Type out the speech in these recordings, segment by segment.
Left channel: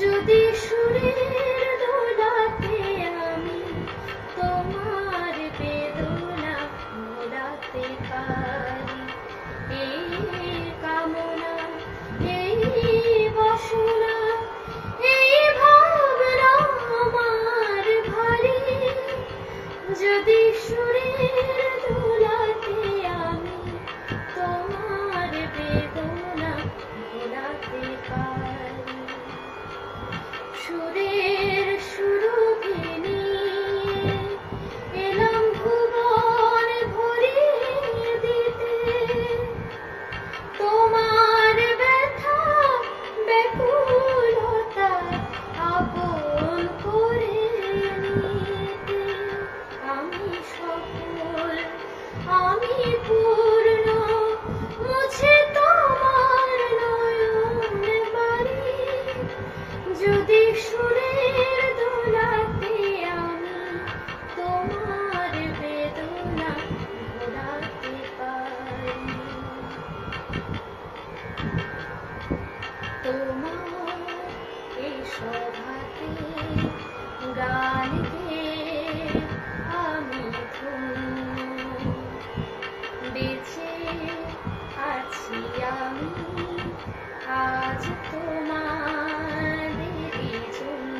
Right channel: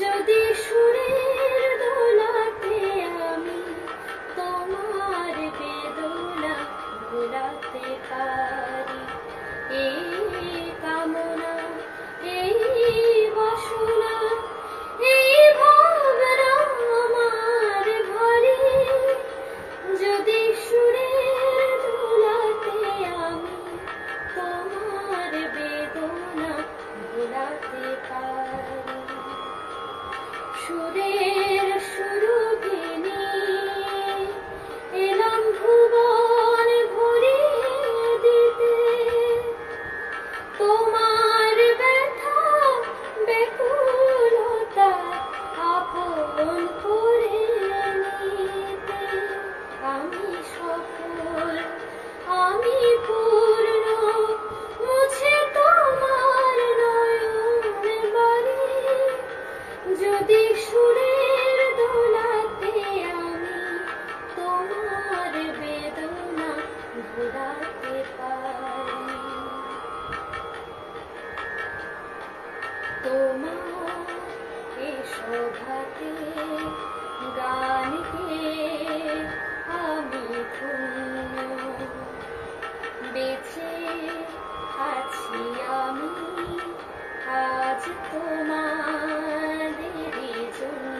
যদি সুরের দোলাতে আমি তোমার বেদনা ভোলাতে পারি, এই কামনা, এই বাসনা, এই ভাবনা আমার ভারী। যদি সুরের দোলাতে আমি তোমার বেদনা ভোলাতে পারি, সুরের সুরভি নিয়ে এলাম ভুবন ভরিয়ে দিতে, তোমার ব্যথা ব্যাকুলতা আপন করে নিতে। আমি সফল, আমি পূর্ণ, মুছে তোমার নয়ন বাণী। যদি সুরের দোলাতে আমি তোমার বেদনা ভোলাতে পারি, তোমার এ সভাতে গান গেয়ে আমি ধন্য, বেঁচে আছি আমি আজ তোমাদেরই জন্য।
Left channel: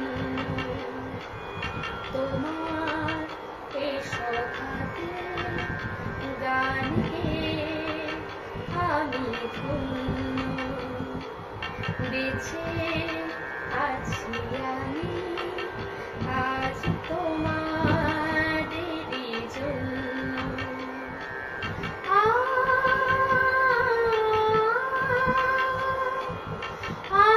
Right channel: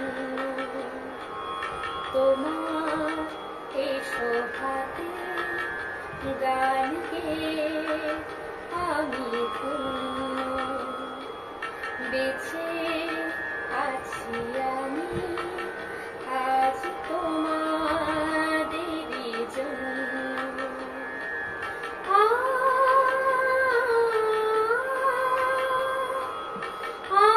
তোমার এ সভাতে গান গেয়ে আমি ধন্য, বেঁচে আছি আমি আজ তোমাদেরই জন্য। আ আ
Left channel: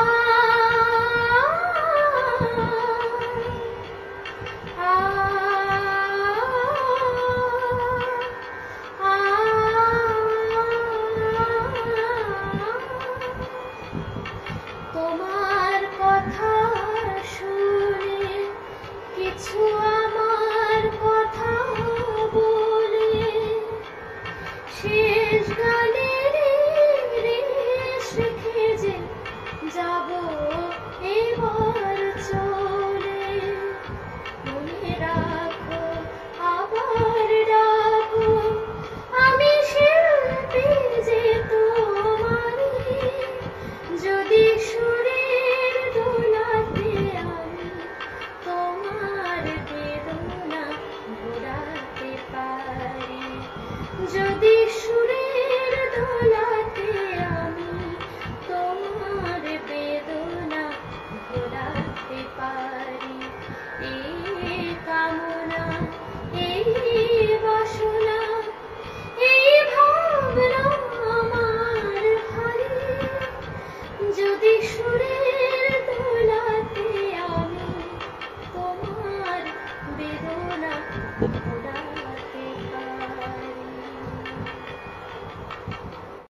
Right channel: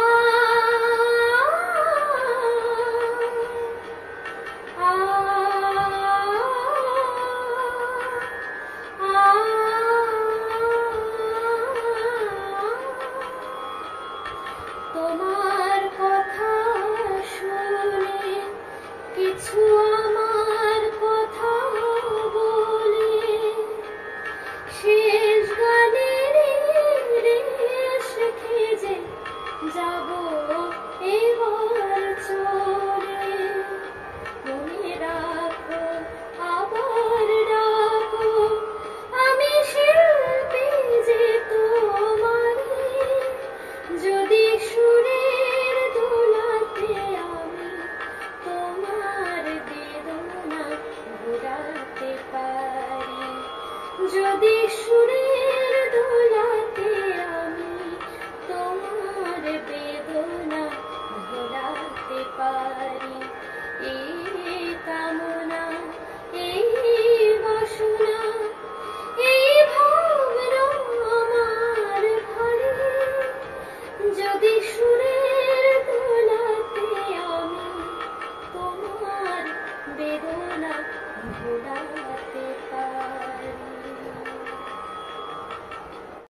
আ তোমার কথা শুনে কিছু আমার কথা বলে, শেষ গানের রেশ খেজে যাব